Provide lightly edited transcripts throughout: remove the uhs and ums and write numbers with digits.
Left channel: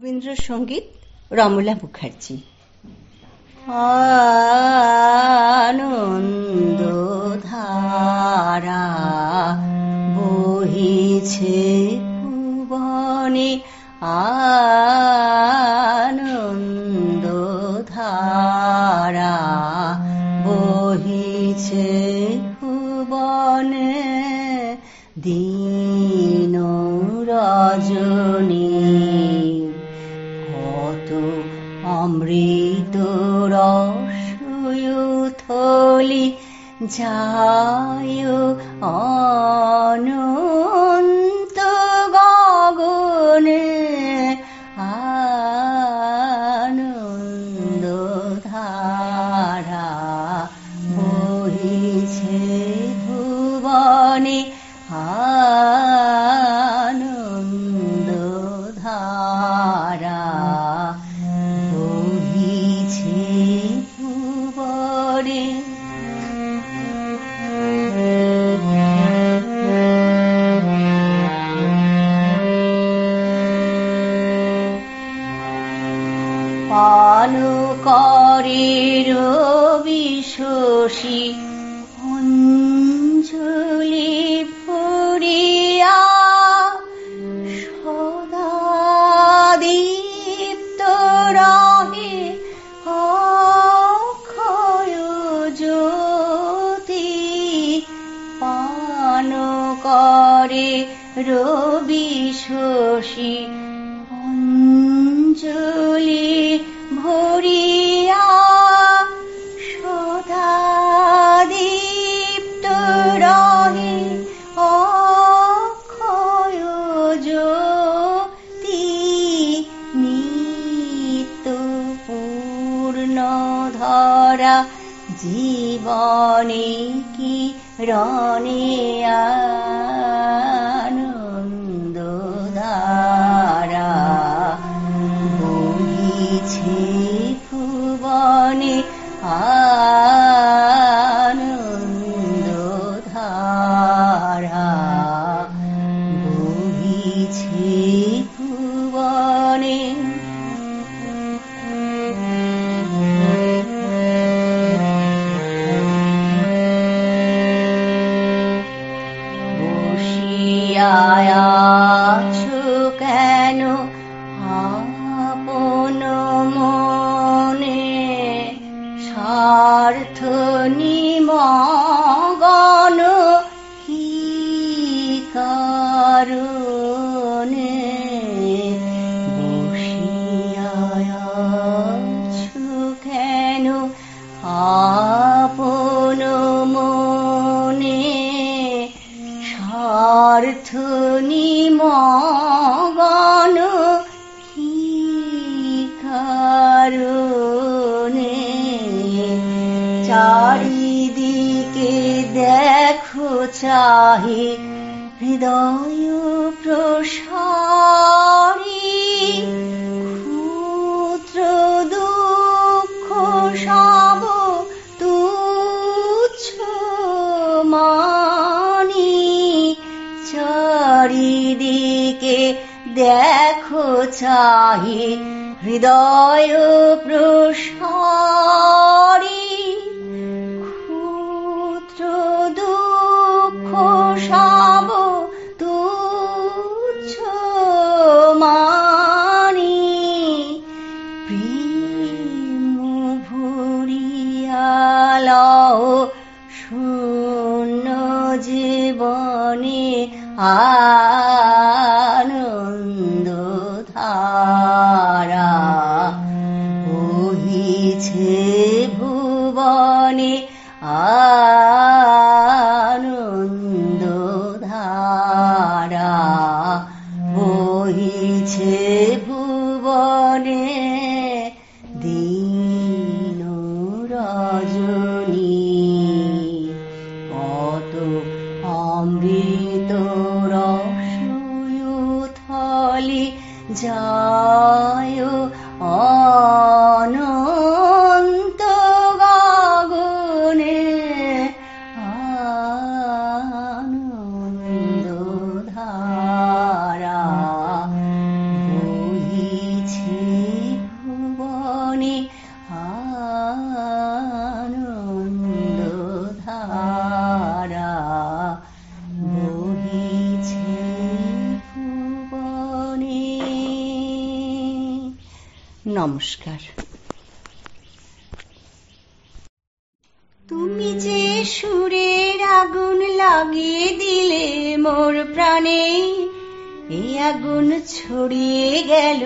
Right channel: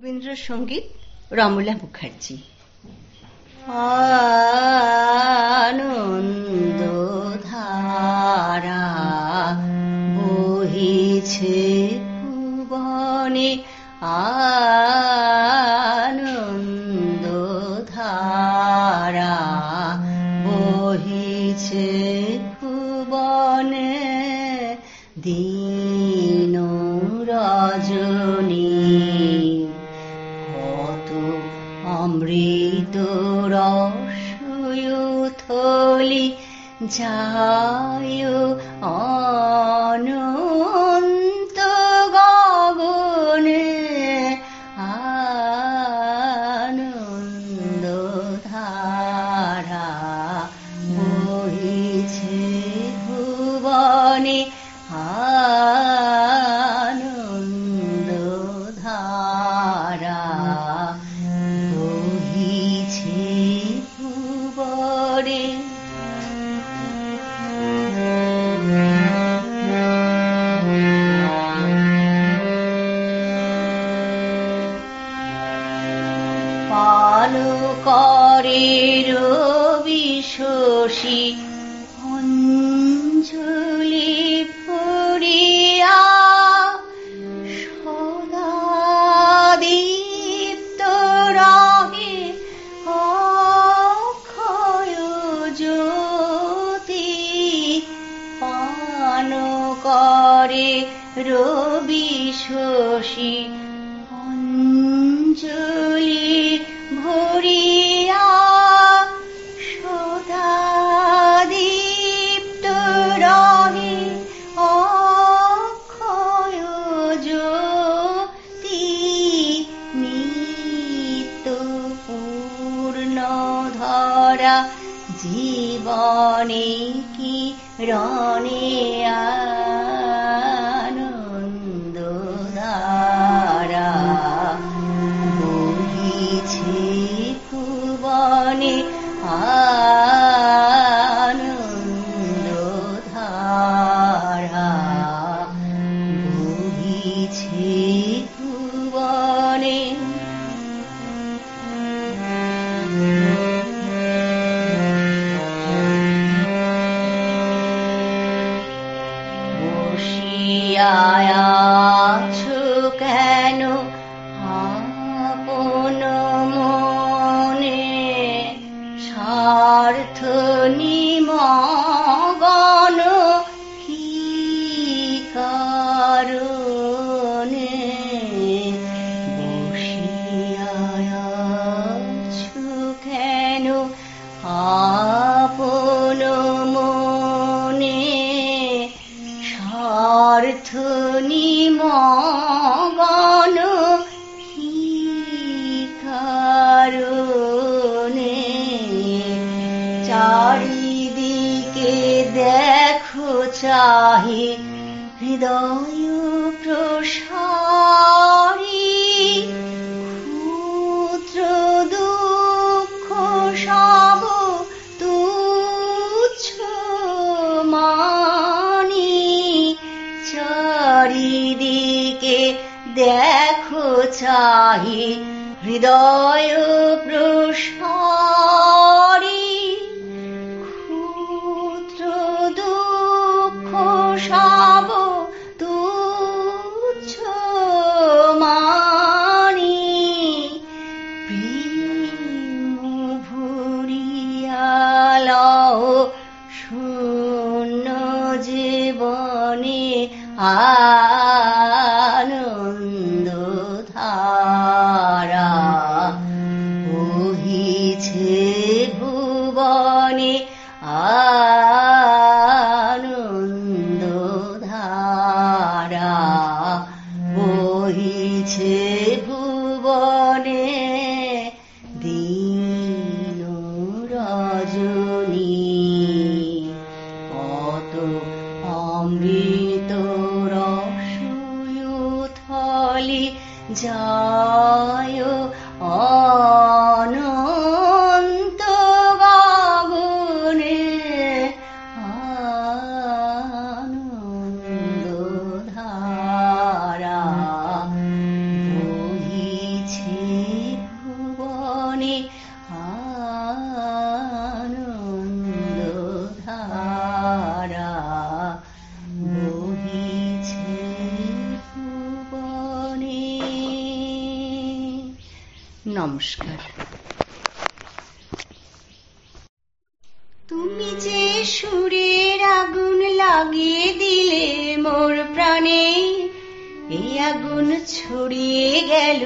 রবীন্দ্রসঙ্গীত রমলা মুখার্জি। আনন্দ ধারা বহিছে ভুবনে, আনন্দ ধারা বহিছে ভুবনে, দিন রজনী অমৃত রসয়ুথলি যায় অনন্ত গগনে, আনন্দ ধারা বহিছে ভুবনে, আনন্দ ধারা বহিছে ভুবনে। পান করে রবি শশী অঞ্জলি ভরিয়া, সদা দীপ্ত রহে অক্ষয় জ্যোতি। পান করে রবি শশী অঞ্জলি ভরিয়া, সদা দীপ্ত রহে অক্ষয় জ্যোতি। নিত্য পূর্ণ ধরা জীবনে কি রণে, আনন্দ ধারা বহিছে ভুবনে, আনন্দ ধারা বহিছে ভুবনে। বসিয়াছো কেন আপন মনে, স্বার্থ নিমগ্ন কি কারণে। বসিয়াছো কেন আপন মনে, স্বার্থ নিমগ্ন কি কারণে। চারিদিকে দেখো চাহি হৃদয় প্রসারী, ক্ষুদ্র দুঃখ সব তুচ্ছ মানি। চারিদিকে দেখো চাহি হৃদয় প্রসারী, ক্ষুদ্র দুঃখ সব তুচ্ছ মানি। প্রেম ভরিয়া লও শূন্য জীবনে, আনন্দ ধারা বহিছে ভুবনে, আনন্দ ধারা বহিছে ভুবনে। দিন রজনী কত অমৃত রসয়ুথলি যায় অনন্ত গগনে, আনন্দ ধারা বহিছে নমস্কার। তুমি যে সুরের আগুন লাগিয়ে দিলে মোর প্রাণে, এই আগুন ছড়িয়ে গেল,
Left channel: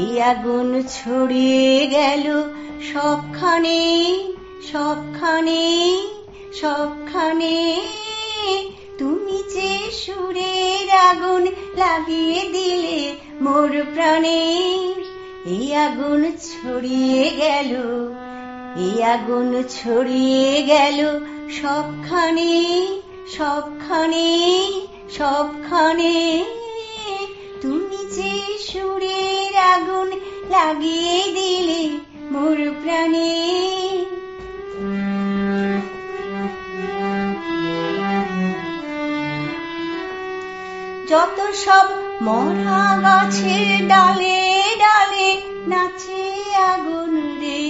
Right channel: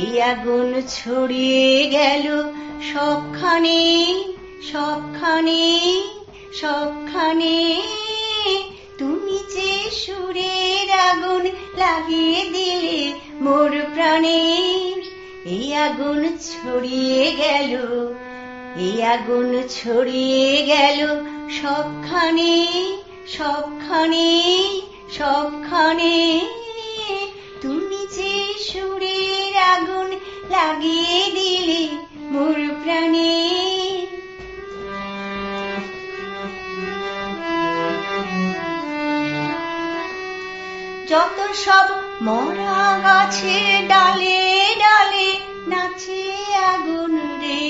এই আগুন ছড়িয়ে গেল সবখানে, সবখানে, সবখানে। তুমি যে সুরের আগুন লাগিয়ে দিলে মোর প্রাণে, এই আগুন ছড়িয়ে গেল, এই আগুন ছড়িয়ে গেল সবখানে, সবখানে, সবখানে। তুমি যে সুরের আগুন লাগিয়ে দিলে মোর প্রাণে। যত সব মরা গাছের ডালে ডালে নাচে আগুন রে,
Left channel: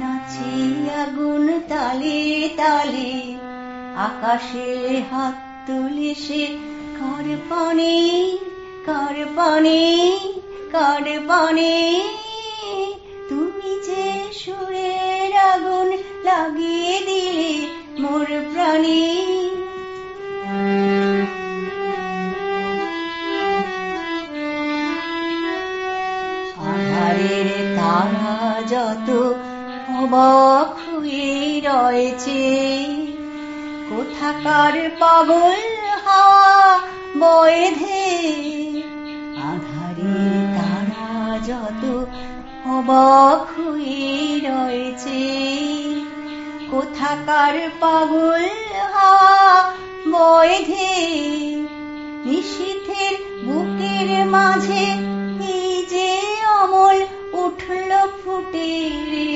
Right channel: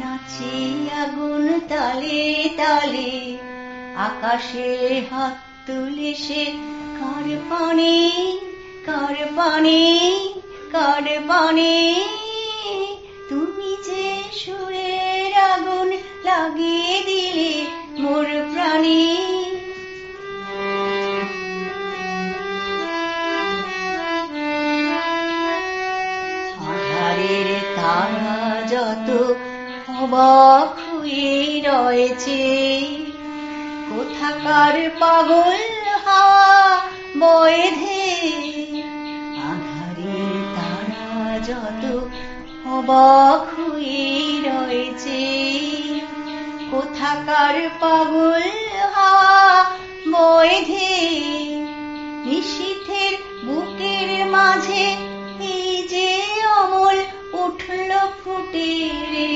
নাচে আগুন তালে তালে। আকাশে হাত তুলে সে কার পানে, কার পানে, কার পানে। তুমি যে সুরের আগুন লাগিয়ে দিলে মোর প্রাণে। আধারের তারা যত অবাক হয়ে রয়েছে, কোথাকার পাগল হাওয়া বয়েধে। আধারের তারা যত অবাক হয়ে রয়েছে, কোথাকার পাগল হাওয়া বয়েধে। নিশীথের বুকের মাঝে এই যে অমল উঠল ফুটে রে,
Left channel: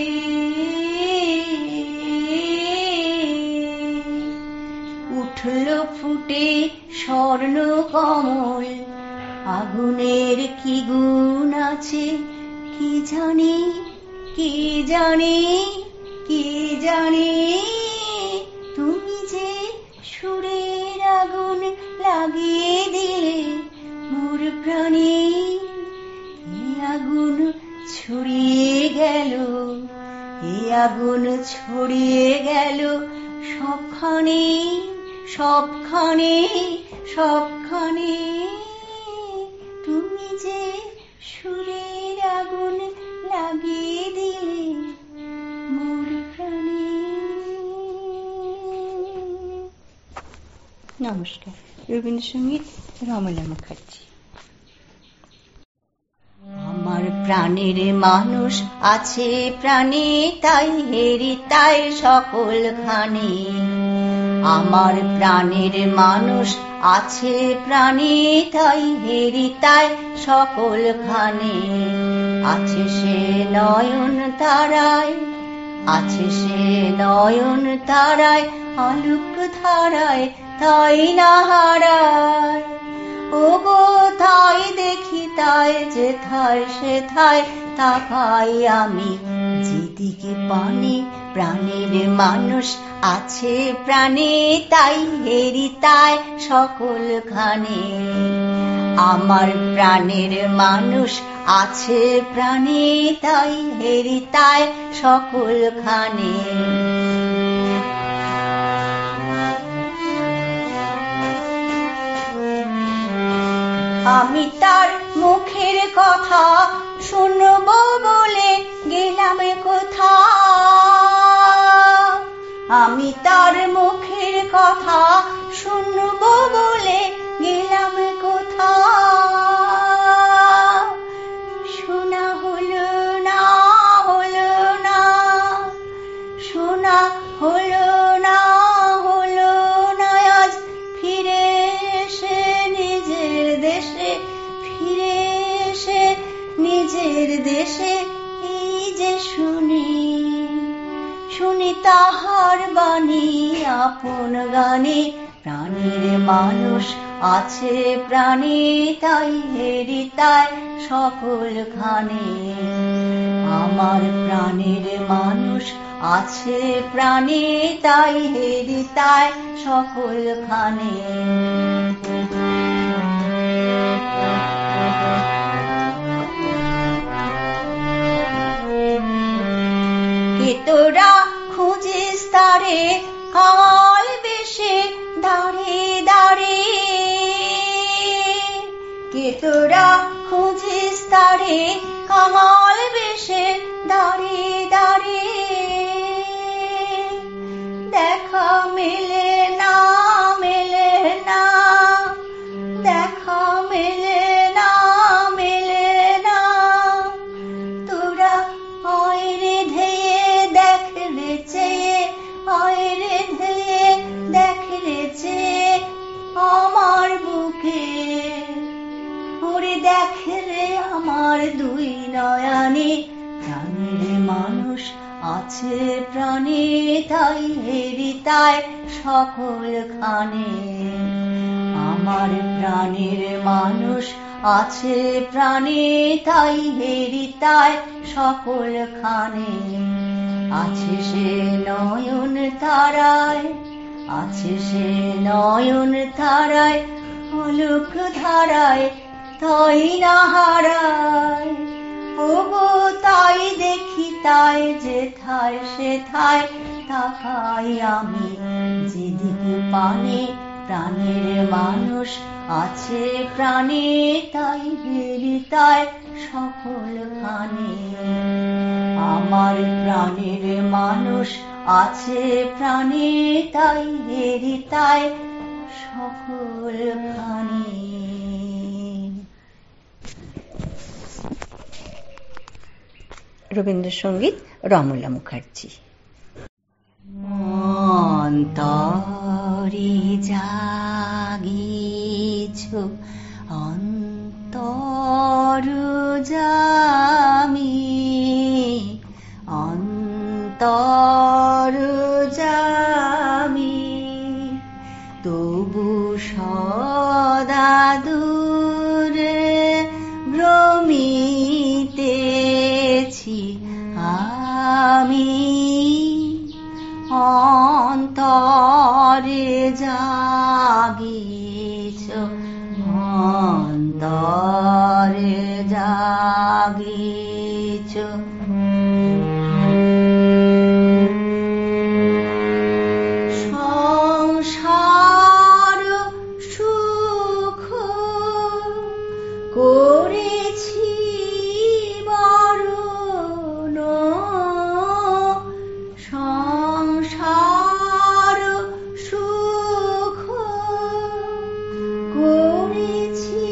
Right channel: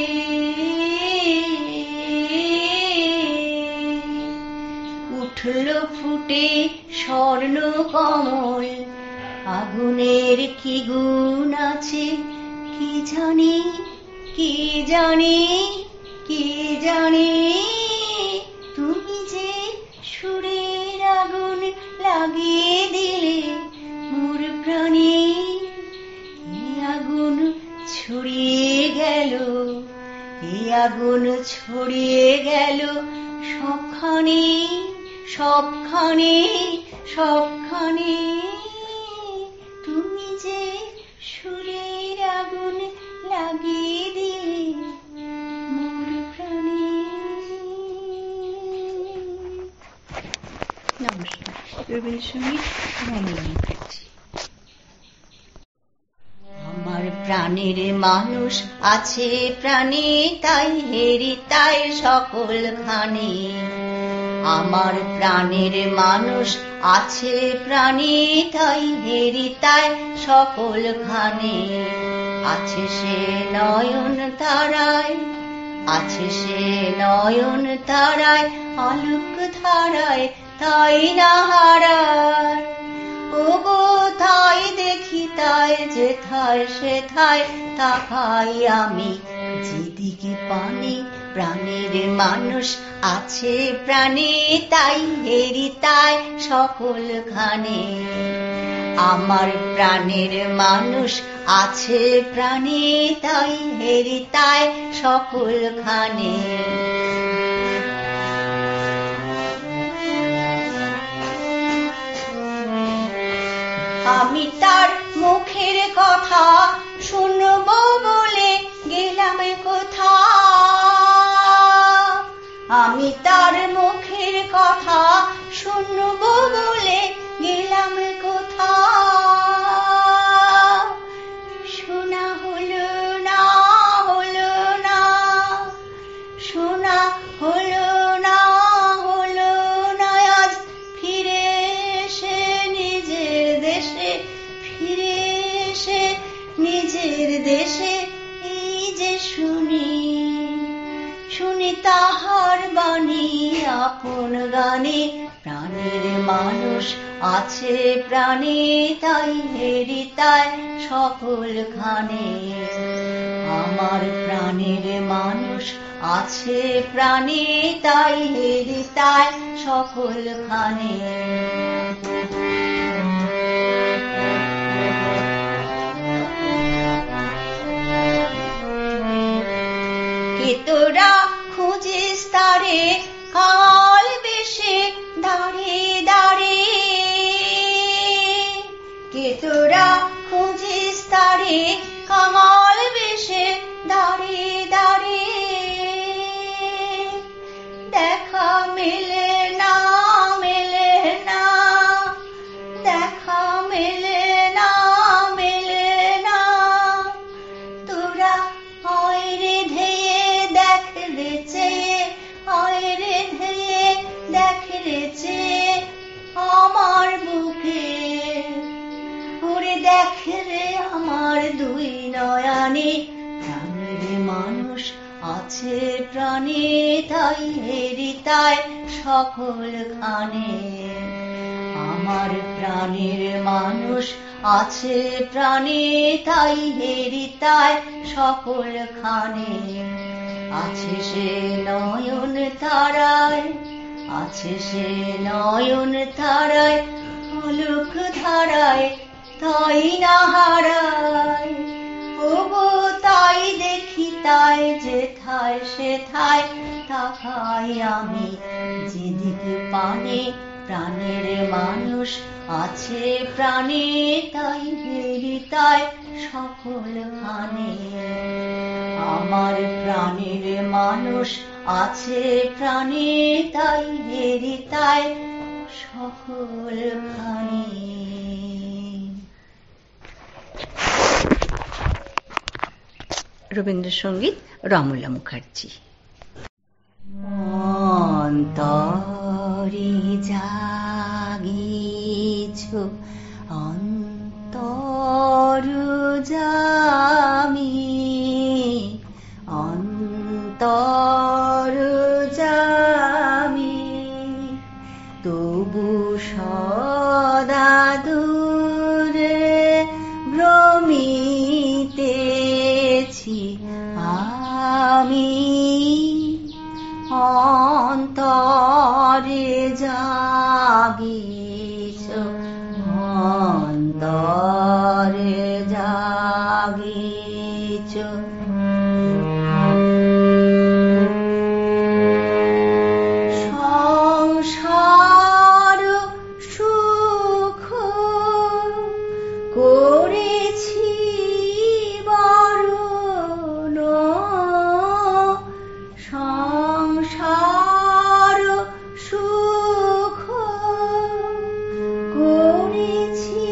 উঠল ফুটে স্বর্ণ কমল। আগুনের কি গুণ আছে কি জানি, কি জানি, কি জানি। তুমি যে সুরের আগুন লাগিয়ে দিলে মোর প্রাণে, এই আগুন ছড়িয়ে গেল, এই আগুন ছড়িয়ে গেল সবখানে, সবখানে, সবখানে। তুমি যে সুরের আগুন লাগিয়ে দিলে মোর প্রাণে। নমস্কার। রবীন্দ্রসঙ্গীত রমলা মুখার্জি। আমার প্রাণের মানুষ আছে প্রাণে, তাই হেরি তাই সকলখানে। আমার প্রাণের মানুষ আছে প্রাণে, তাই হেরি তাই সকলখানে। আছে সে নয়ন তারায়, আছে সে নয়ন তারায়, আলোক ধারায় তাই না হারায়। ওগো তাই দেখি তাই যেথায় সেথায় তাকাই আমি, যেদিকে পানে প্রাণের মানুষ আছে প্রাণে, তাই হেরি তাই সকলখানে। আমার প্রাণের মানুষ আছে প্রাণে, তাই হেরি তাই সকলখানে। আমি তার মুখের কথা শুনবো বলে গেলাম কোথা, আমি তার মুখের কথা শুনবো বলে গেলাম কোথা। শোনা হলো না, হলো না, শোনা হলো না, হলো না। আজ ফিরে এসে নিজের দেশে, ফিরে এসে নিজের দেশে এই যে শুনি, শুনি তাহার বাণী আপন গানে। প্রাণের মানুষ আছে প্রাণে, তাই হেরি তাই সকলখানে। আমার প্রাণের মানুষ আছে প্রাণে, তাই হেরি তাই সকলখানে। প্রাণে, প্রাণের মানুষ আছে প্রাণে, তাই হেরিতায় সকলখানে। আমার প্রাণের মানুষ আছে প্রাণে, তাই হেরিতায় সকলখানে। আছে সে নয়ন তারায়, আছে সে নয়ন তারায়, পলক ধারায় তাই না হারায়। ওগো তাই দেখি, তাই যেথায় সেথায় তাকাই আমি, যেদিক পানে প্রাণের মানুষ আছে প্রাণে, তাই হেরিতায় সকলখানে। আমার প্রাণের মানুষ আছে প্রাণে, তাই হেরিতায় সকলখানে। রবীন্দ্রসঙ্গীত রমলা মুখার্জি। অন্তরে জাগিছ অন্তর্যামী, অন্তর্যামী, তবু সদা দূরে ভ্রমিতেছি আমি। অন্তরে জাগিছ, অন্তরে জাগিছ, সংসার সুখ করেছি বরণ, সংসার সুখ করেছি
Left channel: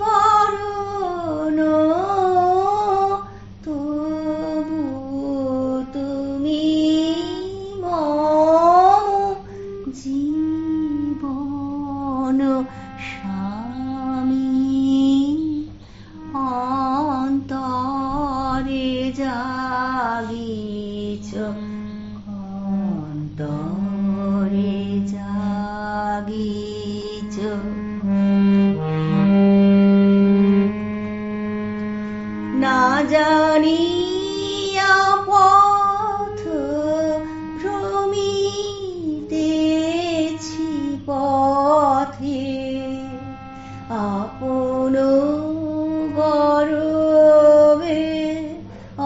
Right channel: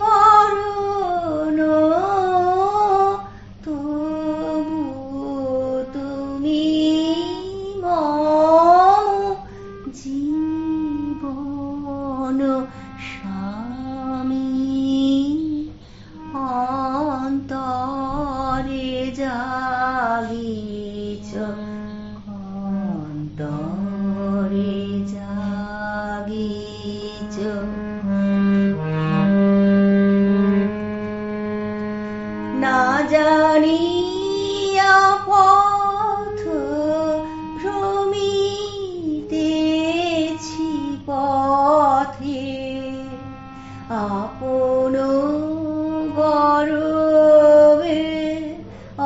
বরণ, তবু তুমি মম জীবন স্বামী। অন্তরে জাগিছ, অন্তরে জাগিছ, না জানিয়া পথ ভ্রমিতেছি পথে, আপন গর্বে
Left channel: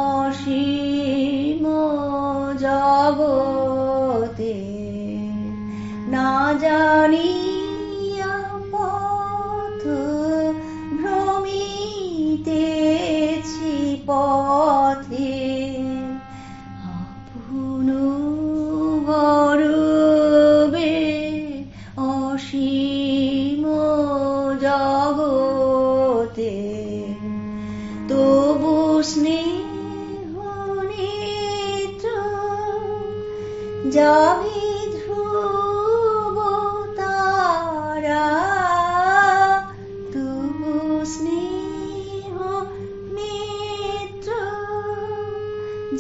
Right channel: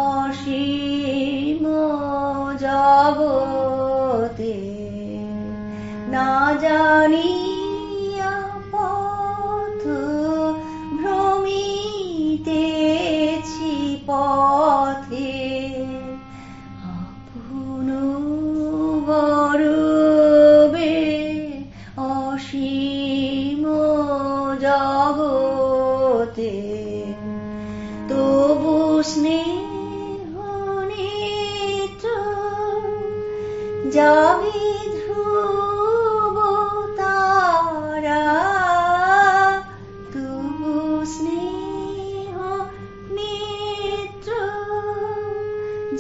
অসীম জগতে। না জানিয়া পথ ভ্রমিতেছি পথে, আপন গর্বে অসীম জগতে। তবু স্নেহ নেত্র যাবি ধ্রুব তারা, তবু স্নেহ নেত্র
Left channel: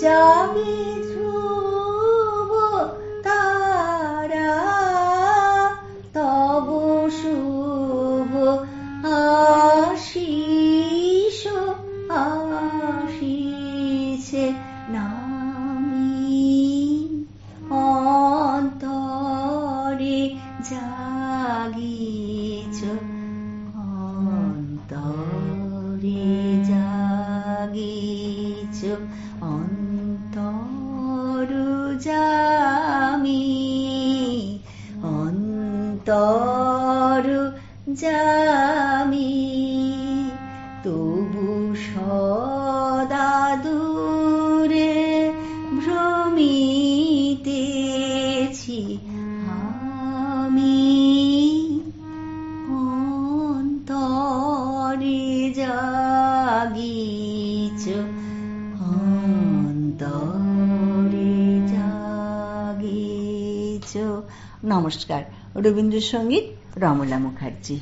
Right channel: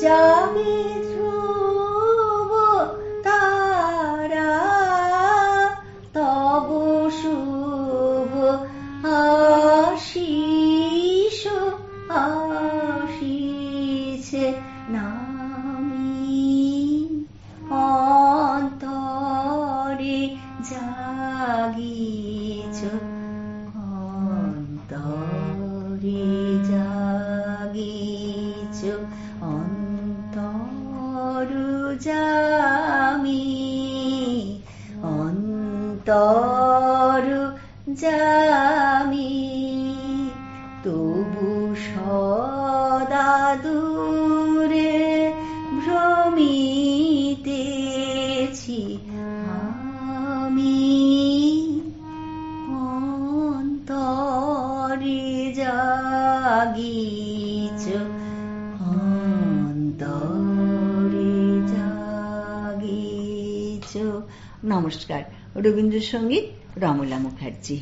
যাবি ধ্রুব তারা। তব শুভ আশিস আসিছে নামি। অন্তরে জাগিছ, অন্তরে জাগিছ, অন্তর্যামী, অন্তর্যামী, তবু সদা দূরে ভ্রমিতেছি আমি। অন্তরে জাগিছ, অন্তরে জাগিছ। নমস্কার। রবীন্দ্রসঙ্গীত রমলা মুখার্জি।